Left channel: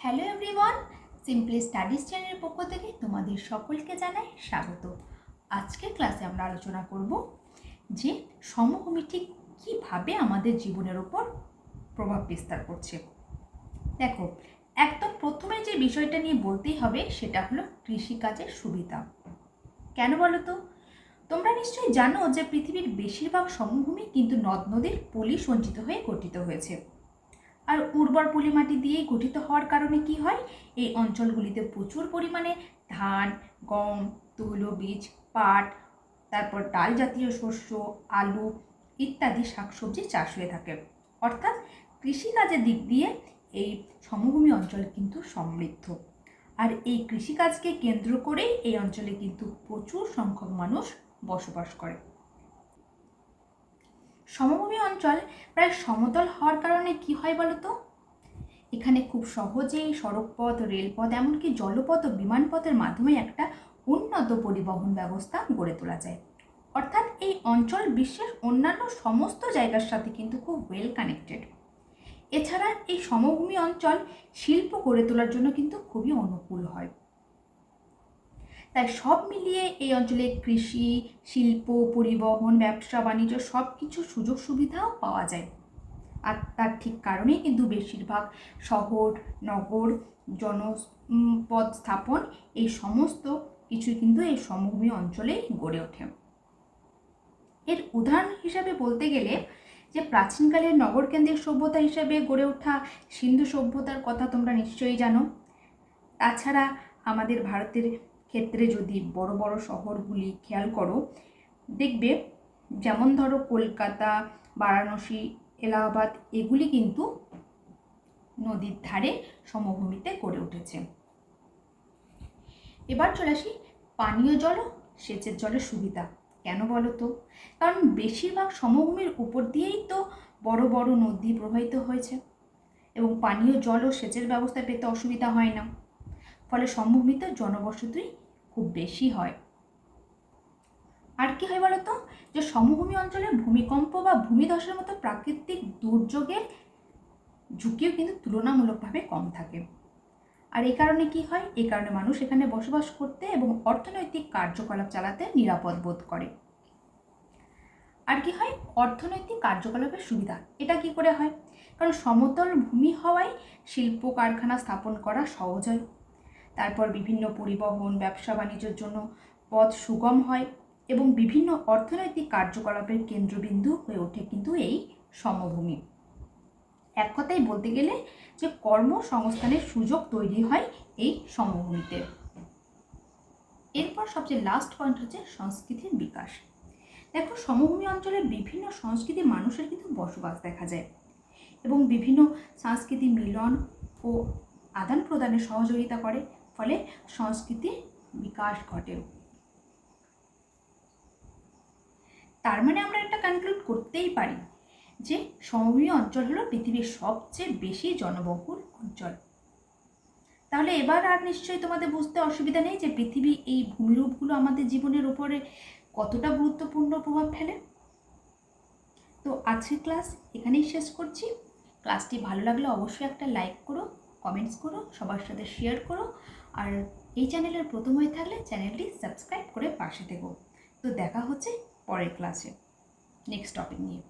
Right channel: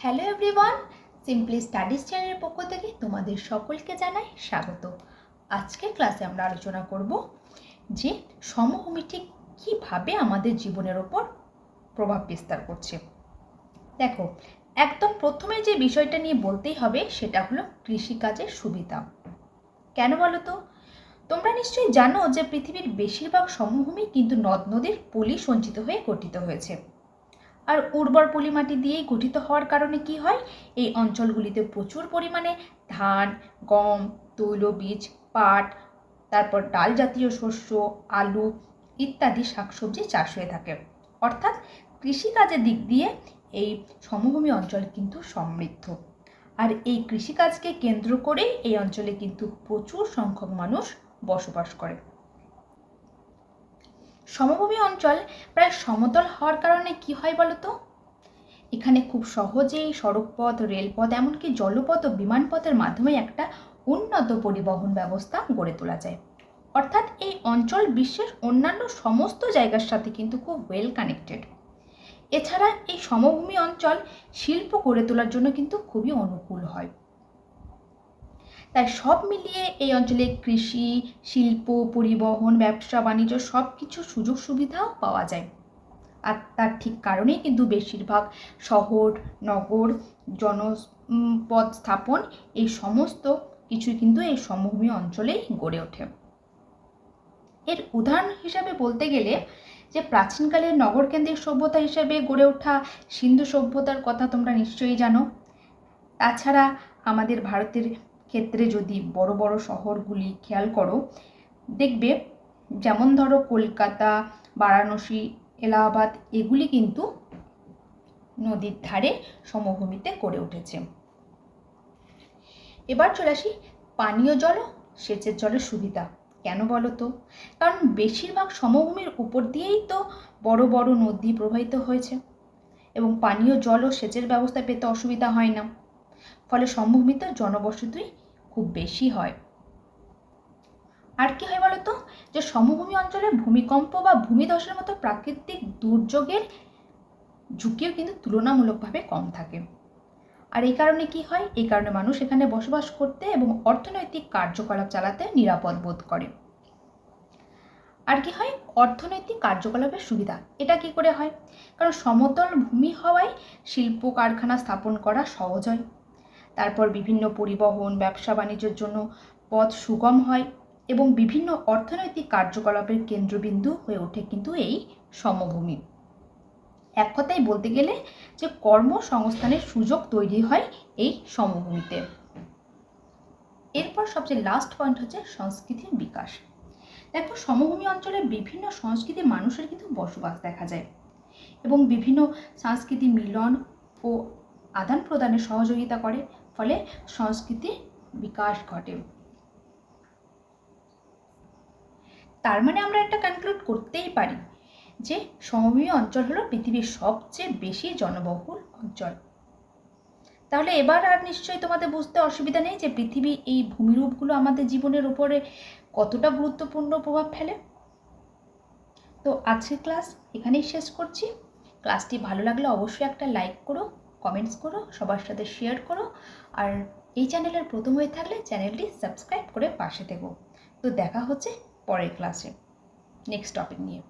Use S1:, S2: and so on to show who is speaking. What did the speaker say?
S1: Hello everyone simply studies চ্যানেলের পক্ষ থেকে তোমাদের সকলকে জানাই স্বাগত। আজকের ক্লাসে আমরা আলোচনা করব যে সমভূমি ঠিক কীভাবে আমাদের জীবনের ওপর প্রভাব বিস্তার করছে। দেখো, একদম প্রথমে যে বিষয়টা নিয়ে বলতেই হবে সেটা হলো কৃষিকাজের সুবিধা। কেন বলো তো? তোমরা নিশ্চয়ই জানো যে পৃথিবীর বেশিরভাগ সমভূমি কিন্তু নদ নদীর পলি সঞ্চিত হয়ে গঠিত হয়েছে। আর উর্বর পলি মাটি দিয়েই গঠিত হওয়ার কারণে কি হয়? এই অঞ্চলগুলিতে প্রচুর পরিমাণে ধান, গম তৈলবীজ পাট, তারপর ডাল জাতীয় শস্য, আলু ইত্যাদি শাকসবজি চাষ হয়ে থাকে। অর্থাৎ কৃষিকাজের দিক দিয়ে এই সমভূমি অঞ্চল কিন্তু সমৃদ্ধ। আর এই কৃষিকাজকে কেন্দ্র করে এই অঞ্চলে কিন্তু প্রচুর সংখ্যক মানুষ বসবাস করে। সমভূমি অঞ্চল প্রায় সমতল হওয়ার কারণে কি হয় বলতো? এখানে খুব সহজেই সড়কপথ, রেলপথ, এমনকি জলপথ ও বিমানপথের মাধ্যমে একটা উন্নত পরিবহন ব্যবস্থা গড়ে তোলা যায়। অর্থাৎ এই অঞ্চল বিশ্বের অন্যান্য সমস্ত জায়গার সাথে কিন্তু খুব ওয়েল কানেক্টেড এছাড়া এই সমভূমি অঞ্চল শিল্প গড়ে তোলার জন্য কিন্তু খুবই অনুকূল হয়। তাই সব মিলিয়ে এই অঞ্চলে কৃষি, শিল্প, পরিবহন, ব্যবসা, বাণিজ্য সব কিছু সুযোগ সুবিধাও পাওয়া যায়। আর তার ঠিক কারণেই কিন্তু বেশিরভাগ শহর, নগর, জনপদ স্থাপন এই সমস্ত কিছু কিন্তু এই সমভূমি অঞ্চলেই গড়ে ওঠে। এর উদাহরণ হিসাবে বলতে গেলে যে প্রাচীনকালের নগরকেন্দ্রিক সভ্যতা হিসেবে গড়ে ওঠা সিন্ধু সভ্যতার কথা তোমরা নিশ্চয়ই জানো। তাছাড়া আমাদের ভারতের ক্ষেত্রে যদি বড় বড় শহরগুলি খেয়াল করো, দেখবে যেমন ধরো কলকাতা, বারাণসী, এলাহাবাদ, এগুলি কিন্তু নদীর ধারে সমভূমিতে গড়ে উঠেছে। এবার চলে আসি পানীয় জল সেচের জলের সুবিধা। কেন বলো তো? কারণ বেশিরভাগ সমভূমির উপর দিয়েই তো বড় বড় নদী প্রবাহিত হয়েছে। এবং পানীয় জল ও সেচের ব্যবস্থা পেতে অসুবিধা হয় না। ফলে সমভূমিতে জনবসতি খুব বেশি হয়। আর কি হয় বলতো? যে সমভূমি অঞ্চলে ভূমিকম্প বা ভূমিধসের মতো প্রাকৃতিক দুর্যোগের ঝুঁকিও কিন্তু তুলনামূলকভাবে কম থাকে। আর এই কারণে কি হয়? এই কারণে মানুষ এখানে বসবাস করতে এবং অর্থনৈতিক কার্যকলাপ চালাতে নিরাপদ বোধ করে। আর কি হয়? অর্থনৈতিক কার্যকলাপের সুবিধা। এটা কি করে হয়? কারণ সমতল ভূমি হওয়ায় শিল্প কারখানা স্থাপন করা সহজ হয়। তারপর বিভিন্ন পরিবহন, ব্যবসা বাণিজ্যের জন্য পথ সুগম হয় এবং বিভিন্ন অর্থনৈতিক কার্যকলাপের কেন্দ্রবিন্দু হয়ে ওঠে কিন্তু এই সমভূমি। এক কথায় বলতে গেলে যে কর্মসংস্থানের সুযোগ তৈরি হয় এই সমভূমিতে। এরপর সবচেয়ে লাস্ট পয়েন্ট হচ্ছে সংস্কৃতির বিকাশ। দেখো, সমভূমি অঞ্চলে বিভিন্ন সংস্কৃতির মানুষের কিন্তু বসবাস দেখা যায় এবং বিভিন্ন সাংস্কৃতিক মিলন ও আদান প্রদানে সহযোগিতা করে। ফলে সংস্কৃতির বিকাশ ঘটে। তার মানে আমরা একটা কনক্লুড করতেই পারি যে সমভূমি অঞ্চল হলো পৃথিবীর সবচেয়ে বেশি জনবহুল অঞ্চল। তাহলে এবার আর নিশ্চয়ই তোমাদের বুঝতে অসুবিধা নেই যে পৃথিবী এই ভূমিরূপগুলো আমাদের জীবনের উপরে কতটা গুরুত্বপূর্ণ প্রভাব ফেলে? তো আজকের ক্লাস এখানেই শেষ করছি। ক্লাসটি ভালো লাগলে অবশ্যই একটা লাইক করো। কমেন্টস করো, সবার সাথে শেয়ার করো আর এই চ্যানেলের প্রথম হয়ে থাকলে চ্যানেলটি সাবস্ক্রাইব করে পাশে দেবো তো দেখা হচ্ছে পরের ক্লাসে নেক্সট টপিক নিয়ে।